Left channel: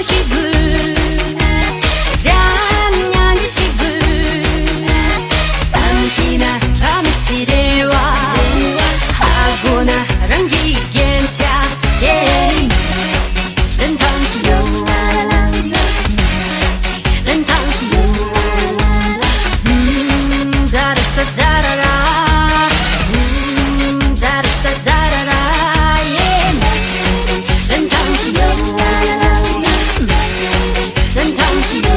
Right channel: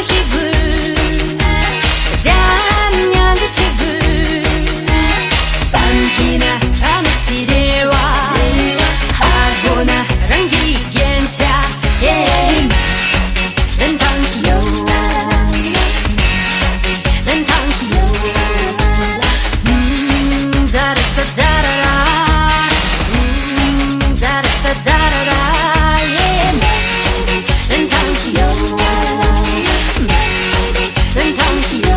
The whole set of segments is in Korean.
산보식을 잠년지식을 삼키나 밤지레와 하고나 랑기겐차 렌탕히요 렌탕히요 다라따다라라 다라따다라라 렌탕히요 렌탕히요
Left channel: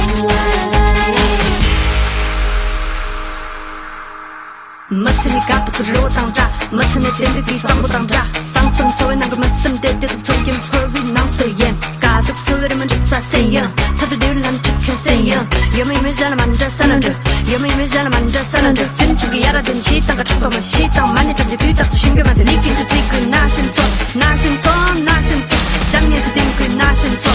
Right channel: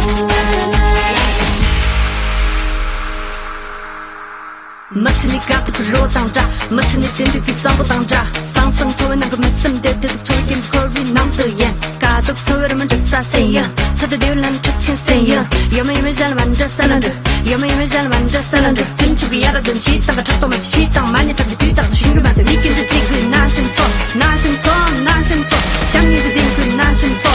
맞으니까 부끄러워 당자 맞으니까 뒤져도 당자 상승 좋은 거 맞으니까 조금 걸린 남들예 가득 채우면 주사세요 다들 난 tuk형세요 여물이면 잘 만져 사람들 여물이면 잘 만져 사람들 생축이라든 시다가 조금만 시다 많이 달리 뒤다도 심해만 느끼는 지금 나신청 장애도 땡글 나신청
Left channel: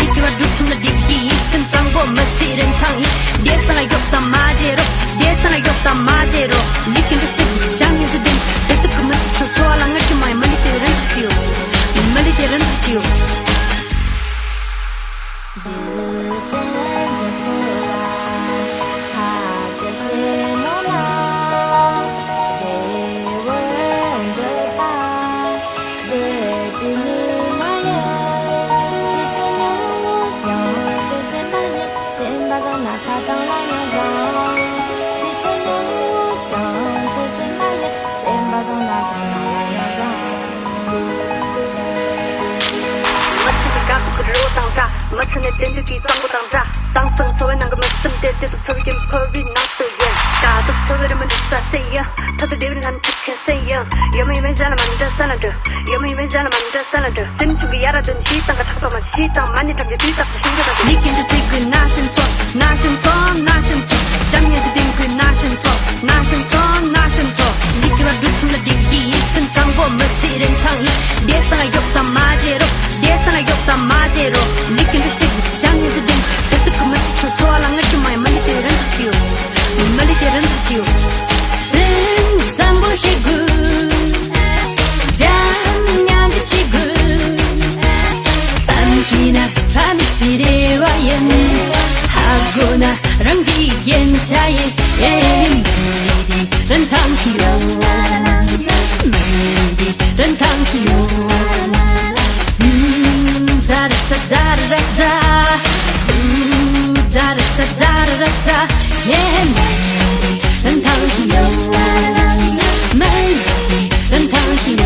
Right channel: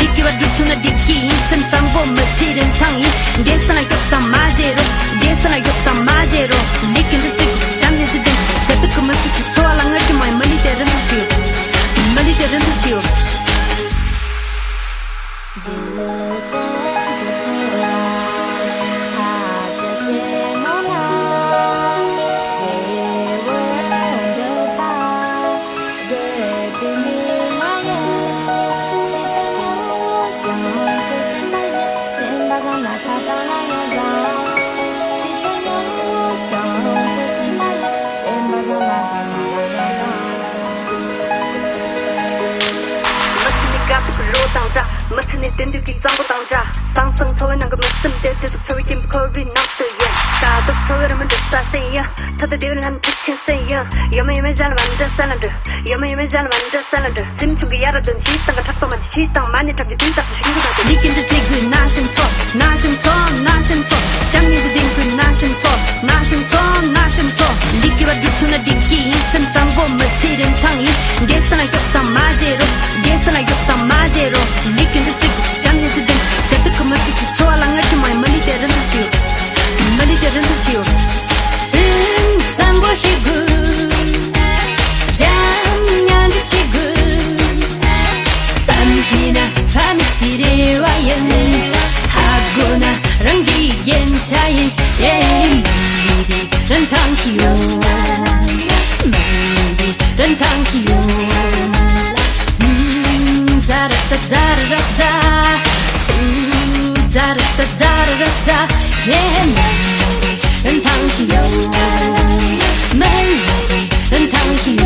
니끼와 뒤통나 뒤끼 인생 상고 멋지는 상이 예선아 겼다 마제로 예선아 겼다 마제로 니끼는 지금 장애도 땡글 그때 그 멋지 초소하는 느낌 많이 많이 때려치고 只等着破瓦，踏着怎么拿？对我的吧，对比你妈呀！几层牛我想这三百年，三把上那啥当然要让。几层牛我想这三百年，三把上那啥当然要让。 맞춘 애들 뒤져도 당자 상승 소리 난거 맞춘 애들 소리 펄이 낙대요 다들 소리만 주사세요 다들 난 tuk형세요 여물이면 잘 만져 사람들 여물이면 잘 만져 사람들 생축이라든 시다가 작성한 시다 많이 들리 뒤다 니끼는 땡글 나신청 장애도 땡글 나신청 니끼와 뒤통나 뒤끼 인생 상고 멋지는 상이 예선아 겼다 마제로 예선아 겼다 마제로 산보식을 잠년지식을 삼키나 밤지레와연 하고나 랑기겐차에 말리디 렌탕히요 다라따다라따 다라따다라따 말리디 렌탕히요